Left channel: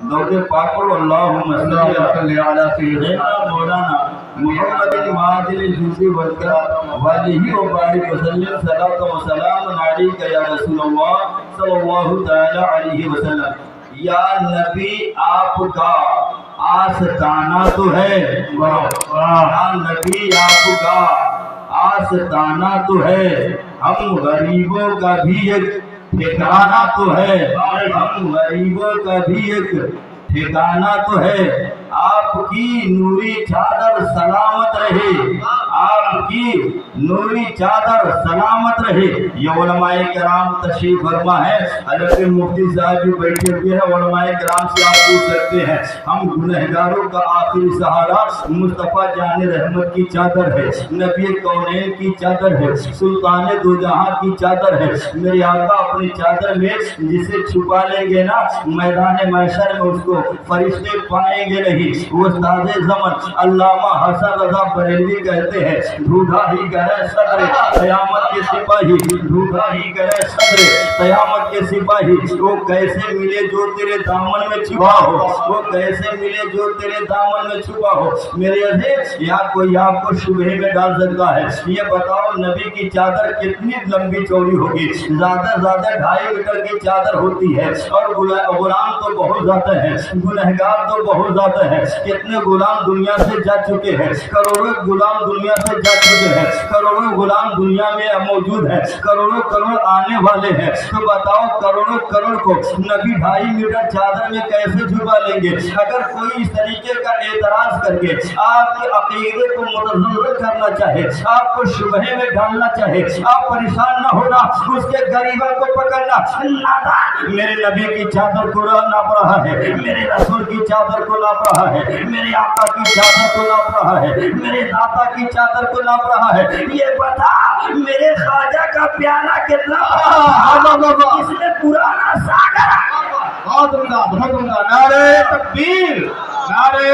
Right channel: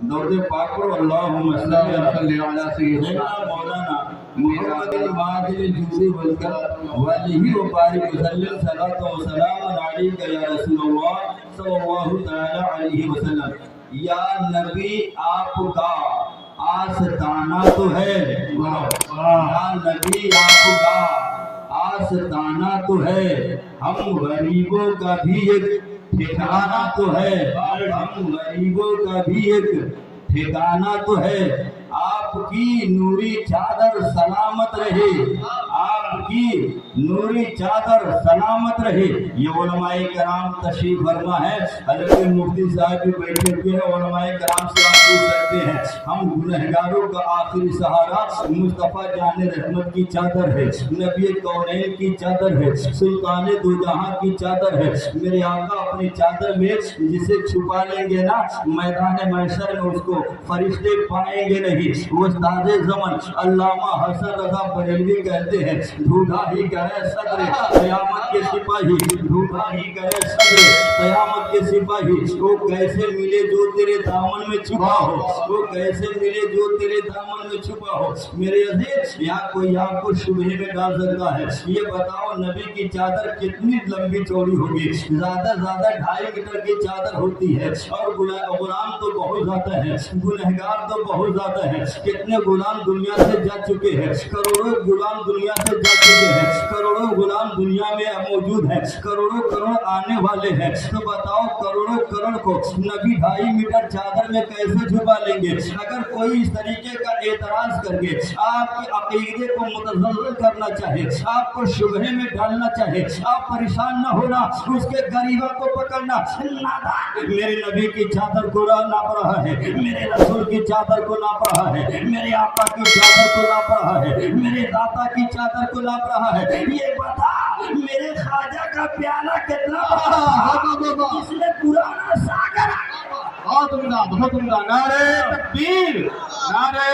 درود پاک پڑھو اللہم صلی علی سیدنا مولانا محمد المعادل الجوزی وعلیہ وبارک وسلم صلاۃ و سلام علیک یا رسول اللہ صلی اللہ تعالی علیہ وسلم۔ یا نبی آپ کا آستانہ تو ہے، یا نبی آپ کا آستانہ تو ہے، ہم غریبوں کا بھی ایک ٹھکانہ تو ہے، ہم غریبوں کا بھی ایک ٹھکانہ تو ہے۔ آپ کی نوری چادر سلامت رہے، آپ کی نوری چادر سلامت رہے۔ یہ علماء کرام تشریف فرما ہے، حضرت مفتی صاحب بھی بیٹھے ہوئے ہیں، علماء کرام سے آپ پوچھ سکتے ہیں۔ ہم گنہگاروں کا آخری سہارا مصطفیٰ جان رحمت کی چادر ہے، نبی کونین کی چادر ہے، سلطان دو جہاں کی چادر ہے۔ میرے آقا اپنی چادر میں جسے چھپا لیں گے نا، میدان محشر میں اس کو فرشتے پائیں گے نہیں۔ وہ استاد زمن علامہ حسن رضا بریلوی کہتے ہیں، ڈھونڈا ہی کرے صدر قیامت کے سپاہی، ڈھونڈا ہی کرے صدر قیامت کے سپاہی، وہ کیسے ملے جو تیرے دامن میں چھپا ہو، وہ کیسے ملے جو تیرے دامن میں چھپا ہو۔ میرے عزیز، یا کوئی آپ کو شبہ میں ڈال سکتا ہے، یہ بتاؤ نبی کی چادر کتنی لمبی چوڑی ہوگی؟ زیادہ 2.5 میٹر کی چادر ہوتی ہے، اور غلام تو بہت زیادہ ہے، گنہگار تو بہت زیادہ ہے۔ کتنے غلام دنیا سے جا چکے ہیں، کروڑوں غلام دنیا سے جا چکے ہیں، کروڑوں غلام دنیا میں موجود ہیں، کروڑوں کروڑ آنے والے ہیں۔ تو بتاؤ کروڑوں کروڑ کو نبی 2.5 میٹر چادر میں کیسے چھپا لیں گے؟ اگر کوئی اس طریقے کا اعتراض کر کے آپ کے عقیدے کو متزلزل کرنا چاہے، آپ کو شبہ میں ڈالنا چاہے، آپ پریشان نہ ہونا، اس کے غریبہ کو پکڑنا۔ نادان میرے نبی کی چادر کو ناپ رہا ہے، میرے رسول کی چادر کو ناپ رہا ہے، میرے آقا کی چادر کو ناپ رہا ہے، میرے داتا کی چادر کو ناپ رہا ہے۔ یہ بتا میرے خواجہ کا پیالہ کتنا بڑا، اس میں پرانا ساگر بہت عمدہ، نعرہ تکبیر، نعرہ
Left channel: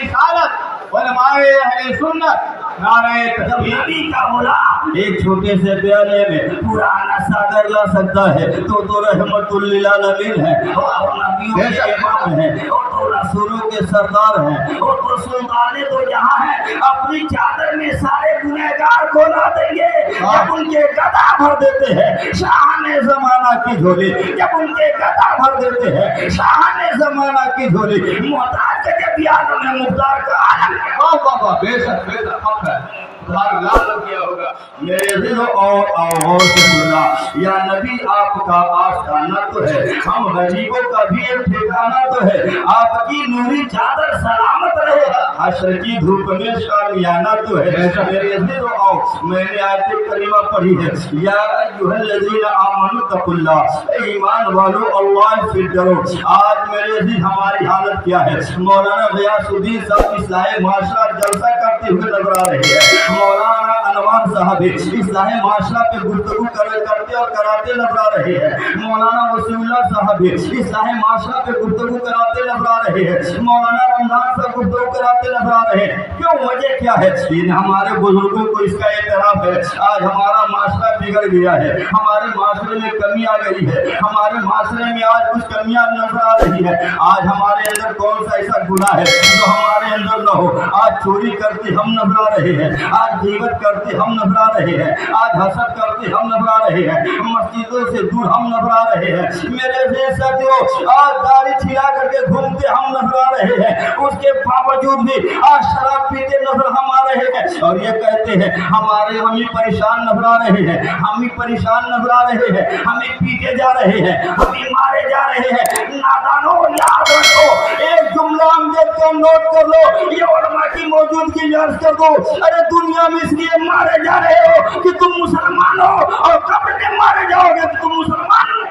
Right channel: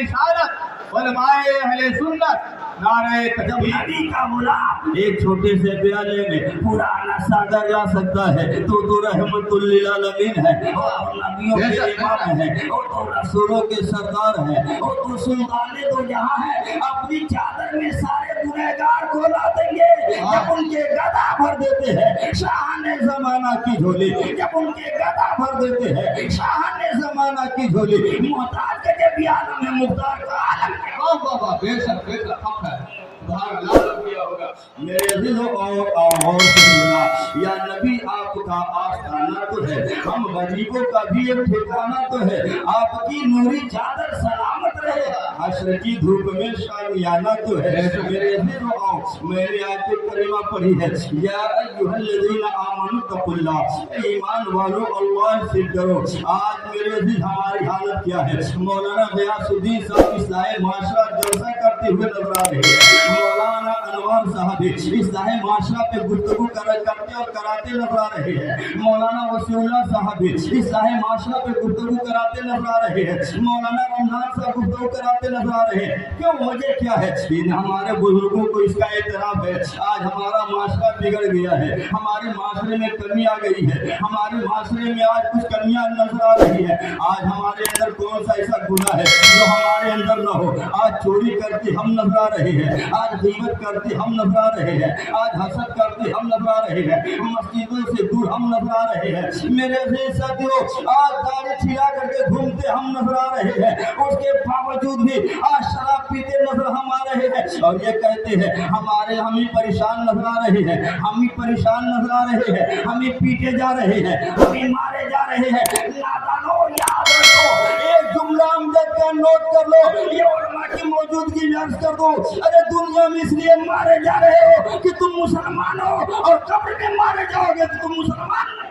رسالت، علماء اہل سنت، نعرہ تکبیر۔ نبی کا غلام ایک چھوٹے سے پیالے میں پرانا ساگر لا سکتا ہے تو رحمت للعالمین ہے، اور نبیوں کے امام ہے، اور تو رسولوں کے سردار ہیں، اور تو سلطان دو جہاں ہے۔ اپنی چادر میں سارے گنہگار کو لا دیں گے جب ان کے گدا بھر دیتے ہیں شاہان زمانہ کی جھولی، جب ان کے گدا بھر دیتے ہیں شاہان زمانہ کی جھولی۔ محتاج کے جب یاد میں مختار کا عالم ہے۔ بابا بے شک حق ہے، تمہاری لعنت کیا ہوگا۔ میرے عزیزوں اور غور سے سننا، یا نبی آپ کا آستانہ تو ہے، ہم غریبوں کا بھی ایک ٹھکانہ تو ہے۔ آپ کی نوری چادر سلامت رہے، حشر کی دھوپ میں شامیانہ تو ہے۔ میرے عزیزوں آؤ، میں نے آیت کریمہ پڑھی ہے، یا ایھا الذین آمنوا اتقوا اللہ، اے ایمان والو اللہ سے ڈرو۔ آج میرے عزیز ہماری حالت کیا ہے؟ مولانا غیاث الدین صاحب اصلاح معاشرہ جلسہ کرتے ہوئے نظر آ رہے ہیں، مولانا انوار صاحب اصلاح معاشرہ پہ گفتگو کرتے اور کراتے نظر آ رہے ہیں، مولانا وسیع اللہ صاحب اصلاح معاشرہ پہ گفتگو کراتے نظر آ رہے ہیں، مولانا رمضان صاحب گفتگو کراتے نظر آ رہے ہیں۔ کیوں؟ وجہ کیا ہے؟ ہمارے بزرگوں کو اس کا اعتراف ہے، آج ہمارا معاشرہ بگڑ گیا ہے، ہمارے معاشرے میں کمی آ گئی ہے، ہمارے معاشرے میں آج کچھ کمیاں نظر آ رہی ہے۔ آج ہمارے اندر کون سا ایسا گناہ ہے جو ہمارے اندر نہ ہو؟ آج چوری کرتے ہم نظر آ رہے ہیں، آج غیبت کرتے ہم نظر آ رہے ہیں، آج حسد کرتے ہم نظر آ رہے ہیں، مسجدوں سے دور ہم نظر آ رہے ہیں۔ میرے ساتھیوں، آج داڑھی چھلا کر کے گھومتے ہم نظر آ رہے ہیں، اس کے باوجود بھی آج شراب پیتے نظر ہم آ رہے ہیں، اور یہ کہتے ہیں ہم ہی پریشان نظر آ رہے ہیں، ہم ہی پریشان نظر آ رہے ہیں، ہم ہی پیٹے جا رہے ہیں، ہم ہی مارے جا رہے ہیں۔ نادانوں یاد رکھو، ایک جملہ امجد کا نوٹ کر لو، یہ علماء کی موجودگی یاد کر دو۔ ارے دنیا میں اس لیے مارے جا رہے ہو کہ تم مسلمان ہو، اور قبر میں مارے جاؤ گے کہ تم مسلمان ہو۔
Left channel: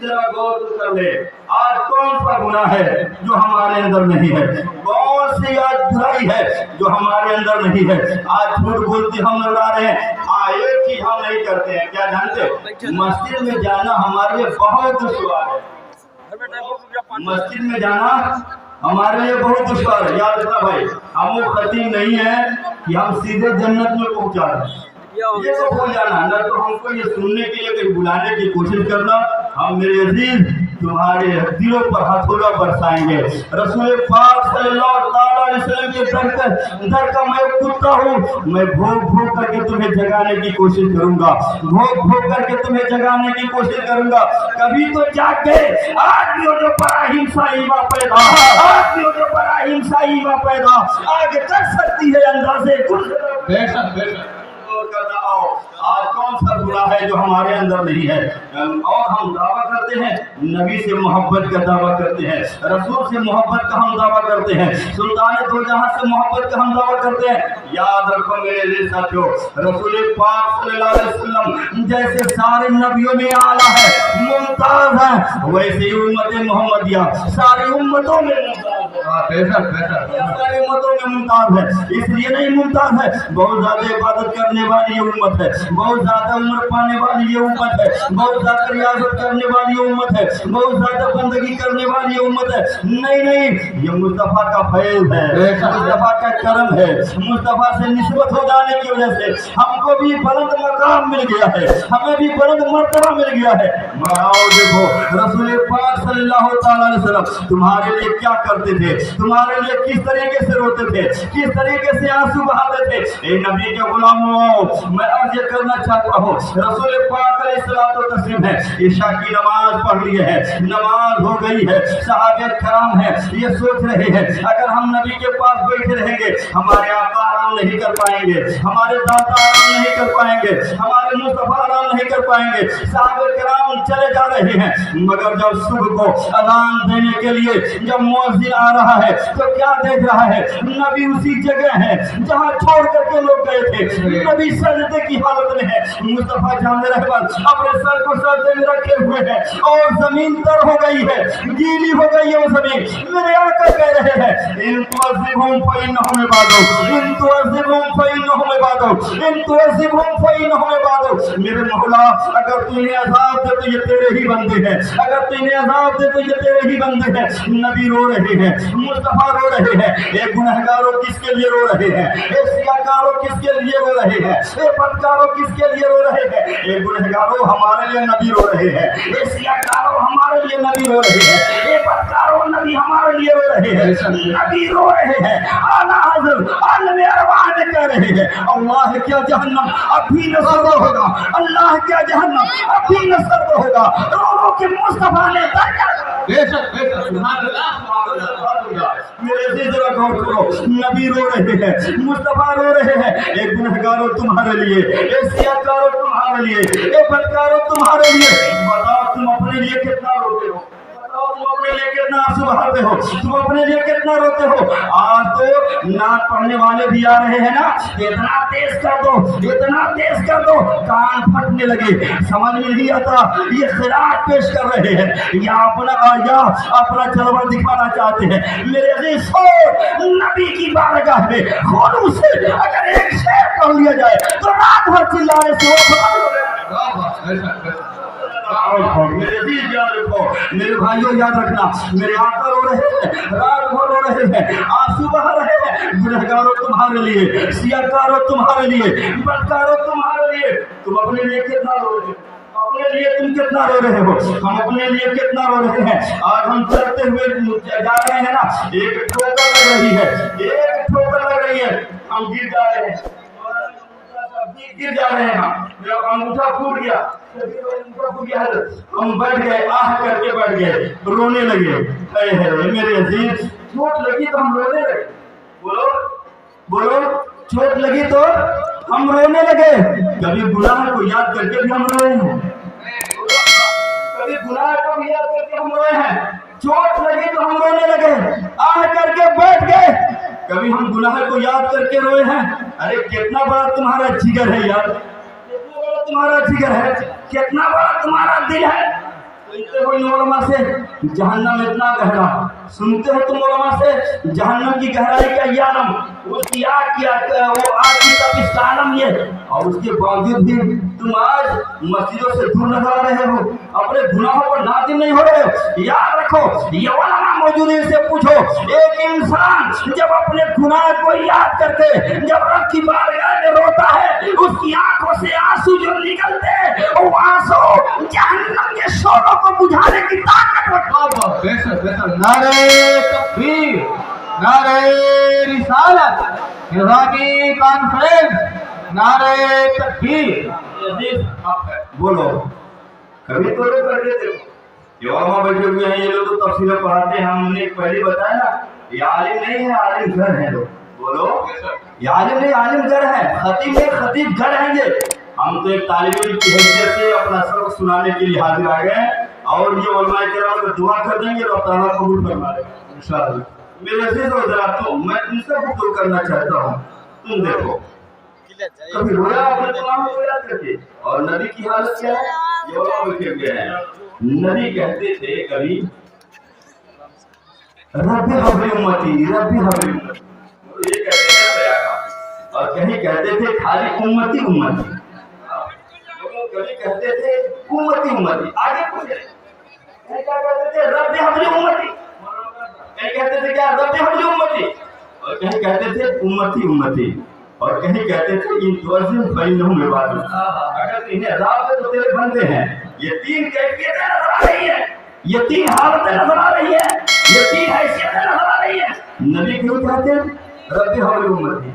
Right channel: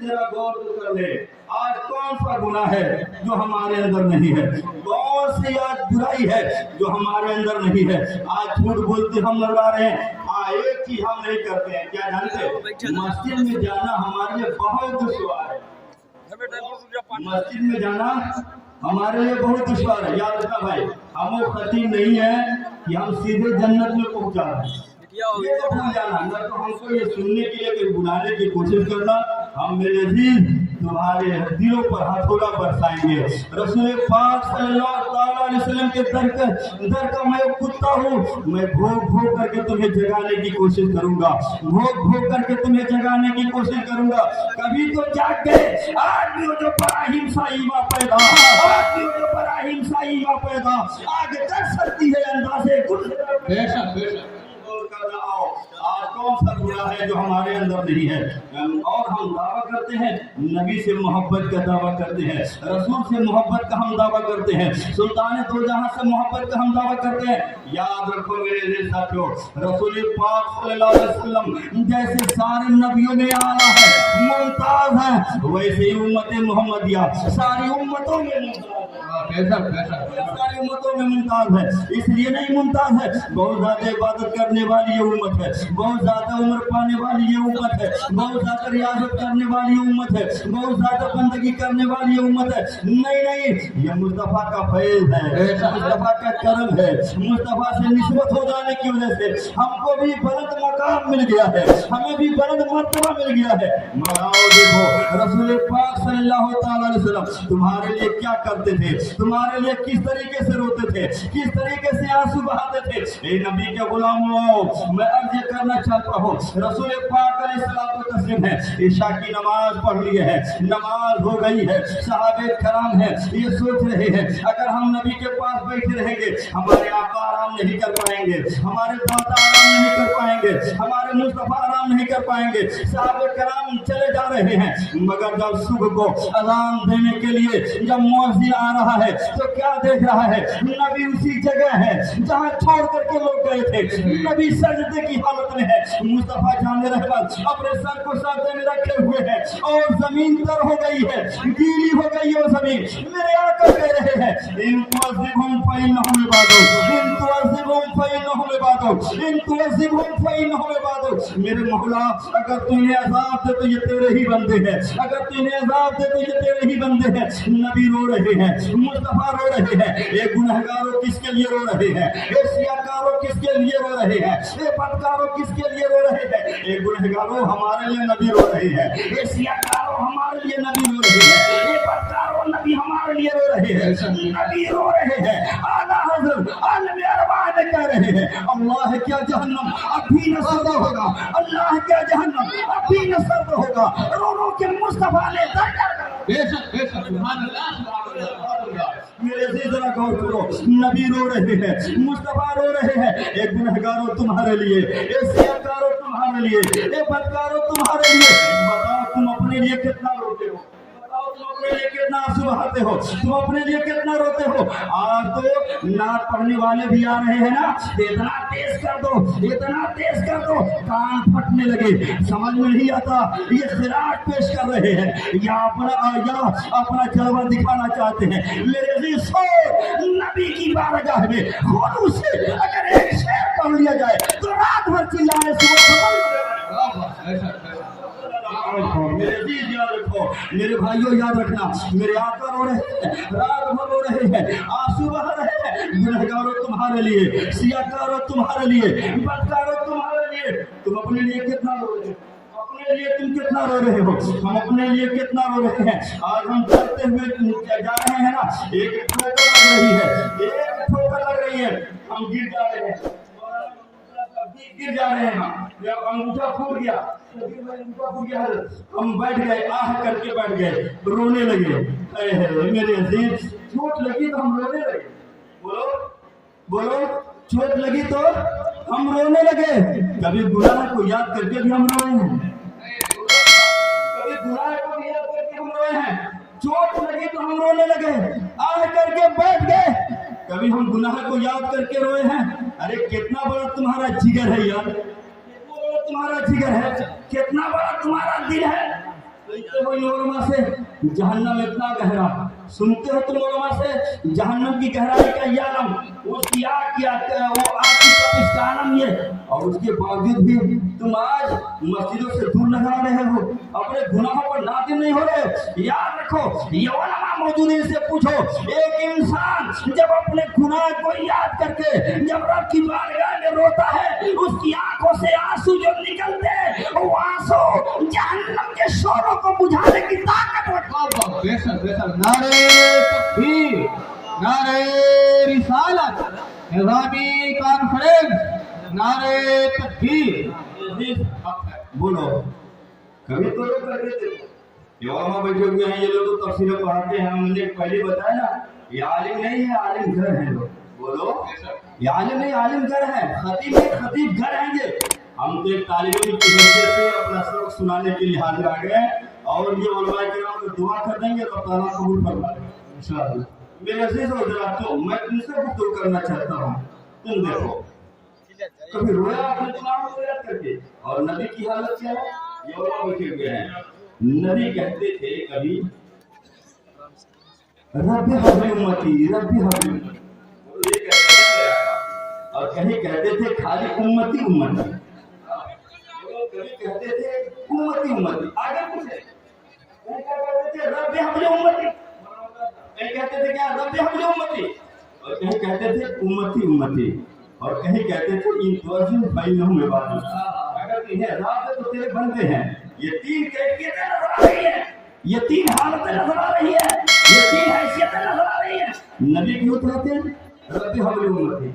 ذرا غور کر لے، آج کون سا گناہ ہے جو ہمارے اندر نہیں ہے؟ کون سی آج برائی ہے جو ہمارے اندر نہیں ہے؟ آج جھوٹ بولتے ہم نظر آ رہے ہیں، ایک ہی ہم نہیں کرتے ہیں، کیا جانتے؟ مسجد میں جانا ہمارے لیے بہت دشوار ہے، مسجد میں جانا ہمارے لیے بہت دشوار ہے۔ یاد رکھنا بھائی، ہم وہ خطیب نہیں ہیں کہ ہم سیدھے جنت میں پہنچا رہے ہیں، یہ تو ہو جانا، نہ تو ہم کو یہ سننے کے لیے کہیں بلانے کی کوشش کرنا، हम मेरे अजीज तुम्हारे दिलों पर हथौड़ा बरसाएंगे। रसूल पाक सल्लल्लाहु अलैहि वसल्लम के दर का मैं कुत्ता हूँ। मैं भोग भोग करके तुम्हें जगाने की कोशिश करूंगा, भोग भोग करके तुम्हें जगाने की कोशिश करूंगा। कभी तो जाग गए। आज भी जो बड़ा हिंसा ईवा पैदा, आज भी जो बड़ा हिंसा ईवा पैदा आगे कर सकती है अंदाजे कुछ। बेशक बेशक आज कौन सा गुनाह है जो हमारे अंदर नहीं है? और हम दावा करते हैं, नबी से मोहब्बत का दावा करते हैं, रसूल से मोहब्बत का हम दावा करते हैं, सुल्तान दो जहां से मोहब्बत का हम दावा करते हैं। याद रखो मेरे लिए साथियों, रसूल पाक सल्लल्लाहु अलैहि वसल्लम जैसे सारे नबियों में आला है, मुमताज है, वैसे ही उम्मत मोहम्मदिया सारी उम्मतों में बेशक बेशक सारी उम्मतों में मुमताज है। इसलिए नहीं मुमताज है, बहुत ज्यादा इबादत करने वाली ये उम्मत है, बहुत ज्यादा उम्र पाने वाली ये उम्मत है, बहुत ज्यादा रियाजत करने वाली ये उम्मत है, बहुत ज्यादा बंदगी करने वाली ये उम्मत है। नहीं नहीं, ये मुस्तफा का फैज़ है, मुस्तफा का करम है। मुस्तफा से निस्बत हो जाने की वजह से हमको भी बुलंद मकाम मिल गया है, हमें भी बुलंद मर्तबा मिल गया है। मगाओ देखो रसूल पाक सल्लल्लाहु अलैहि वसल्लम तुम्हारे लिए क्या करते थे, तुम्हारे लिए किस तरीके से रोते थे, किस तरीके से आंसू बहाते थे। ए नबी के गुलामों, मैं अर्ज करना चाहता हूँ, रसूल पाक अलैहिस्सलातु तस्लीम है, ईशा की नमाज पढ़ लिए है, नमाज हो गई है, सहाबे कराम है, ये सोच रहे हैं अगर हम नबी के पास बैठे रहेंगे हमारे आका आराम नहीं कर पाएंगे, हमारे दाता आराम नहीं कर पाएंगे, हमारे मुस्तफा आराम नहीं कर पाएंगे। सहाबे कराम चले जा रहे हैं, मगर जब सुबह को अजान देने के लिए जब मुअज्जिन आ रहा है तो क्या देख रहा है, नबी उसी जगह है जहाँ छोड़ करके लोग गए थे। नबी सजदे की हालत में है, मुस्तफा जाने रहमत अपने सर को सजदे में रखे हुए हैं और जमीन तर हो गई है, गीली हो गई है वो जमीन। मेरे आका कह रहे हैं इन तुअज़्ज़िबहुम फइन्नहुम इबादुक, इन तुअज़्ज़िबहुम फइन्नहुम इबादुक, इन तुअज़्ज़िबहुम फइन्नहुम इबादुक। मेरे मौला अगर तू इन्हें अज़ाब दे तो ये तेरे ही बंदे हैं, अगर तू इन्हें अज़ाब दे तो ये तेरे ही बंदे हैं। नबी रो रहे हैं, मुस्तफा रो रहे हैं, ये गुनहगारों किसके लिए रो रहे हैं, ये सियाकारों किसके लिए रो रहे हैं, ये बदकारों किसके लिए रो रहे हैं। ये गुनहगारों हमारे लिए नबी रो रहे हैं, ये सियाकारों हमारे लिए नबी रो रहे हैं, ये बदकारों नबी हमारे लिए रो रहे हैं। नबी रो रहे हैं, आला हज़रत आलम अरवाह ने कह रहे हैं अल्लाह क्या जहन्नम अब भी न सर्द होगा, अल्लाह क्या जहन्नम अब भी न सर्द होगा। रो रो के मुस्तफा ने दर्जा बेशक बेशक सुभान अल्लाह। मेरे से जरा गौर करो, नबी रो रहे हैं, मुस्तफा रो रहे हैं। एक गुनहगारों तुम्हारे लिए, एक सियाकारों तुम्हारे लिए, एक बदकारों तुम्हारे लिए। बताओ तुम अपने लिए कितना रोते हो, बताओ तुम अपने लिए कितना आंसू बहाते हो, तुम अपने लिए कितना रोते हो। आज तो नात पढ़ने वाले भी आ रहे हैं ना, इतना तेज कर दो, इतना तेज कर दो कान फटने लगे, समझ में नहीं आता ये खिरात पेश कर रहे हैं या अपना जलवा दिखाना चाहते हैं। मेरे अजीज नबी की बारगाह में खुलूस से अगर एक शेर पढ़ लिया जाए तो रात भर चिल्लाने से मेरे अजीज याद रखो, मेरे भाइयों याद रखना, मेरे आका रो रहे हैं, रात भर रो रहे हैं, आंसू बहा रहे हैं। गुनहगारों तुम्हारे लिए, सियाकारों तुम्हारे लिए, बदकारों तुम्हारे लिए। तुम अपने लिए कितना रो रहे हो, अपने लिए तुम कितना रो रहे हो, हम अपने लिए कितना रो रहे हैं। आज हम चलते हुए जा रहे हैं ना, एक ठोकर लग रही है, एक ठोकर लग रही है, हम गिर जा रहे हैं, गिर जा रहे हैं, अंगूठा फूट गया, हम बैठ गए, आह करके बैठ गए, रोने लगे। मेरे अजीज चोट लगी तो हम रोने लगे, बोलो बोलो, चोट लगी तो हम रोने लगे। कभी गुनाह को याद करके भी हम रोए हैं, कभी गुनाह को भी याद करके हम रोए हैं। चोट लगी तो हम रोने लगे, आह करके बैठ गए। कभी हम गुनाह को याद करके रोए हैं। अरे कितना बड़ा तुम्हारा जिगर है यार, कितना बड़ा तुम्हारा जिगर है, कितना बड़ा तुम्हारा दिल है। सुनते हो इन उलमा से जहन्नम इतना गहरा, सुनते हो तुम उलमा से जहन्नम की गहराई का ये आलम, उसकी आग की वो आग की तपिश का आलम ये, और उसके बावजूद भी तुम आज मस्जिदों से दूर नजर आ रहे हो, अपने गुनाहों पर नादिम नहीं हो रहे हो। याद रखो ये उलमा मौजूद है इससे पूछो, एक इंसान जब अपने गुनाह को याद करके जब रब की बारगाह में रोता है, उसकी आंखों से आंसू जो निकलते हैं वो आंसू जहन्नम के शोरों को बुझाने की ताकत रखता है। बेशक बेशक नारे तकबीर, नारे रिसालत, निज़ामी कॉन्फ्रेंस, नारे तकबीर। बोलो, कभी तो लोग करते थे, ये वहाँ बैठे हुए हैं, ये लोग तो तफसीर पढ़ाते हैं। हमने पहले बताया ना, ये आलिम नहीं है, आलिम घर है लोग। बोलो, ये आलिम नहीं, आलिम घर है, खतीब है, खतीब घर है ये। हम तो एक तालिब इल्म की हैसियत से अपना सबक सुनाने के लिए हाजिर आ गए, और ये उलमाए किराम को दुआ कर देंगे, अल्लाह ताला कबूल फरमा लेगा इंशाअल्लाह। मेरे अजीज और जरा तो मैं तुमसे गुफ्तगू करना चाहता हूँ। तुम देखो, कभी रोया आपने तमाम रोया करके, और नबी की हालत क्या है, ये वहाँ बैठे हुए हैं। नबी कहते थे कभी, रब्बी हबली उम्मती, रब्बी हबली उम्मती, ये कहते थे। और कहीं कहते थे खाली उम्मती उम्मती, कभी कहते थे उम्मती उम्मती। आगे पूछे, कहीं क्या कहते थे, रब्बी हबली उम्मती, कहीं कहते थे क्या, रब्बी हबली उम्मती, और कहीं कहते थे उम्मती उम्मती, और कहीं कहते थे इन तवज्जुह बैनहुम इबादत, अगर इन्हें रात तो तेरे बंदे हैं। ये तीन कैफियतें नजर आ रही है, ये तीन हालतें नजर आ रही है, ये तीन हैसियतें नजर आ रही है। नबी क्यों कहते हैं रब्बी हबली उम्मती,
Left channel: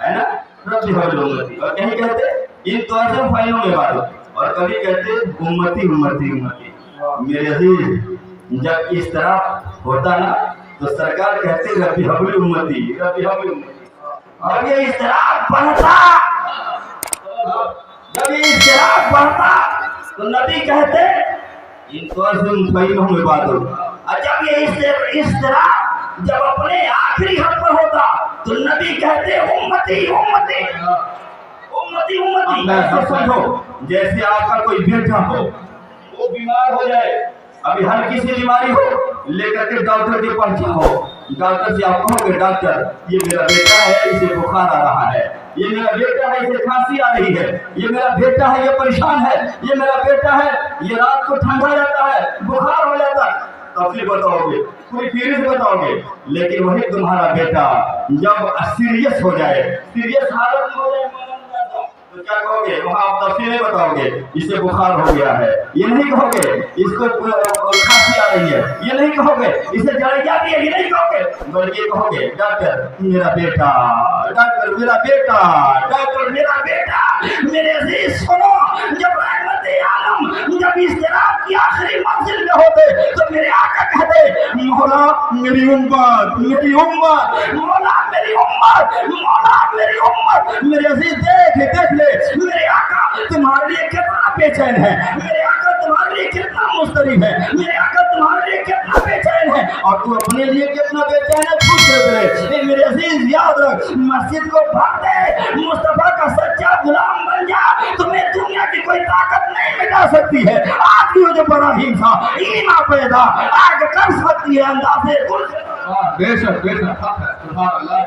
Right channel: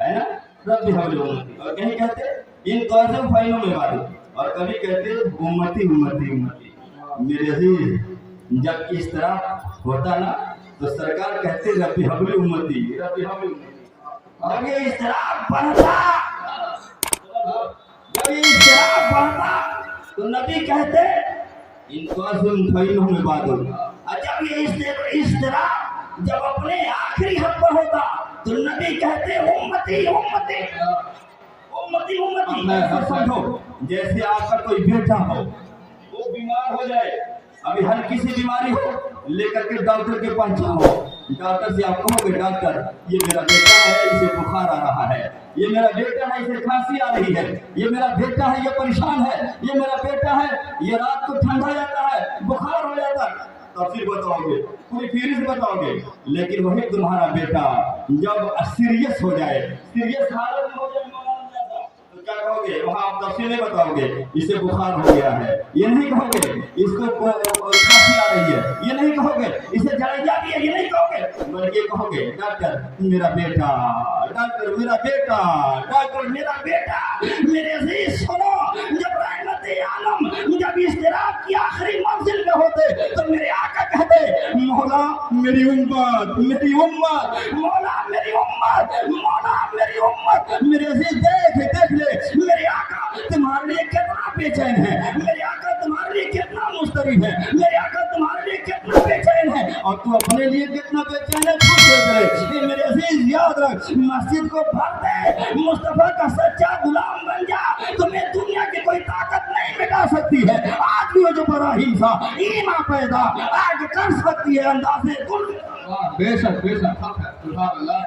है ना, रब्बी हबली उम्मती, और कहीं कहते इन तवज्जुह बैनहुम इबादत, और कभी कहते उम्मती उम्मती उम्मती। मेरे अजीज, जब इस तरह होता ना तो सरकार कहते रब्बी हबली उम्मती, रब्बी हबली उम्मती। जब ये इस्तिराब बढ़ता, जब ये इस्तिराब बढ़ता तो नबी कहते इन तवज्जुह में बात हो। और जब ये इस्तिराब जब अपने आखिरी हद पर होता तो नबी कहते उम्मती उम्मती उम्मती उम्मती। ऐसे समझो जैसे आपका कोई बेटा हो, वो बीमार हो जाए, अभी हल्की सी बीमारी हो, लेकर के डॉक्टर के पास जाओ, डॉक्टर से आप कहोगे डॉक्टर ये मेरा बेटा है, इसे बुखार आ रहा है, ये मेरा बेटा है, इसे खांसी आ रही है, ये मेरा बेटा है, ये परेशान है, ये मेरा बेटा है, ये रात को ठंडा जाता है, बुखार हो जाता है, तफसील बताओगे, पूरी फीरी से बताओगे। लेकिन वही तुम्हारा बेटा जब सीरियस हो जाए, सीरियस हालत में हो जाए, तो क्या कहोगे, वहाँ आप तफसीलें बताओगे, इसे बुखार हो गया है, ये नहीं कहोगे, इसको खांसी आ रही है, ये नहीं कहोगे, इसे जलैया भी है, ये नहीं कहोगे, बल्कि कहोगे डॉक्टर मेरा बेटा, डॉक्टर मेरा बेटा, डॉक्टर मेरा बेटा। मेरे अजीज सुनो, जब रहमत आलम जब इस्तिराब की आखिरी मंजिल में होते तो मेरे आका कहते मौला मेरी उम्मत, मेरी उम्मत, मौला मेरी उम्मत, मौला मेरी उम्मत। मेरे अजीज देख ले, मेरे आका तुम्हारे लिए कितना बेचैन है, मेरे आका तुम्हारे लिए कितना मुस्तरिब है, मेरे आका तुम्हारे लिए कितना बेचैन है, और तू अपने लिए कितना बेचैन है खुद देख ले। मेरे अजीज याद रख, मस्जिद को भर दे, मुस्तफा का सच्चा गुलाम बन जा, तुम्हें दुनिया की कोई ताकत नहीं मिटा सकती है। आज की जो बड़ा हिंसा ईमा पैदा आग कर सकती है अंदाजे। बेशक बेशक, सुभान अल्लाह।